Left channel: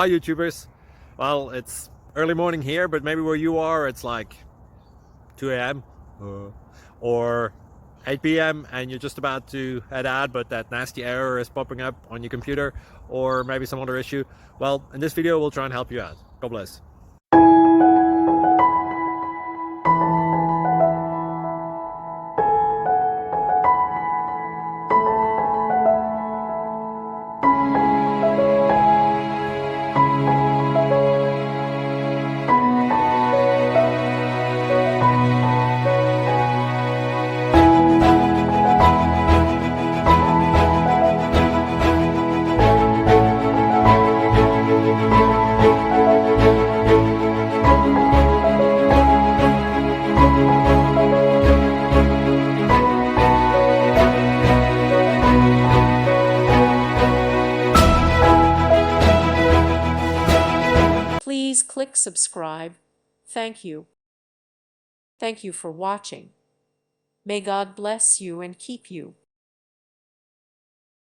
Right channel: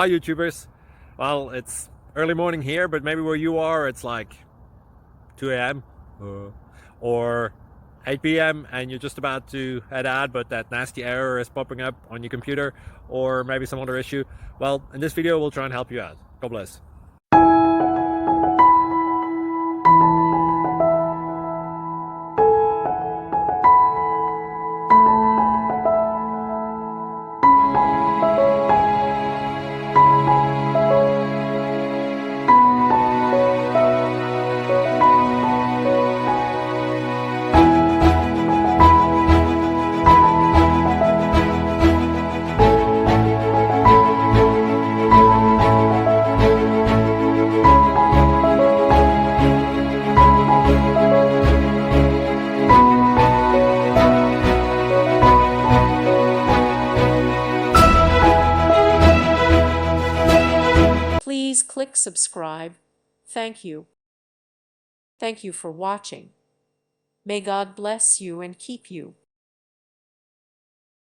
Hi YouTubers. Well, it's early morning here, but maybe where you are it's like 2 a.m. or 8 p.m. and you're just about to head out, but that nasty error is popping up on your computer, or maybe some other issue. Well, in this video we'll try and help you out. God bless. Please click subscribe. Thank you. Thank you for watching. May God bless you and keep you.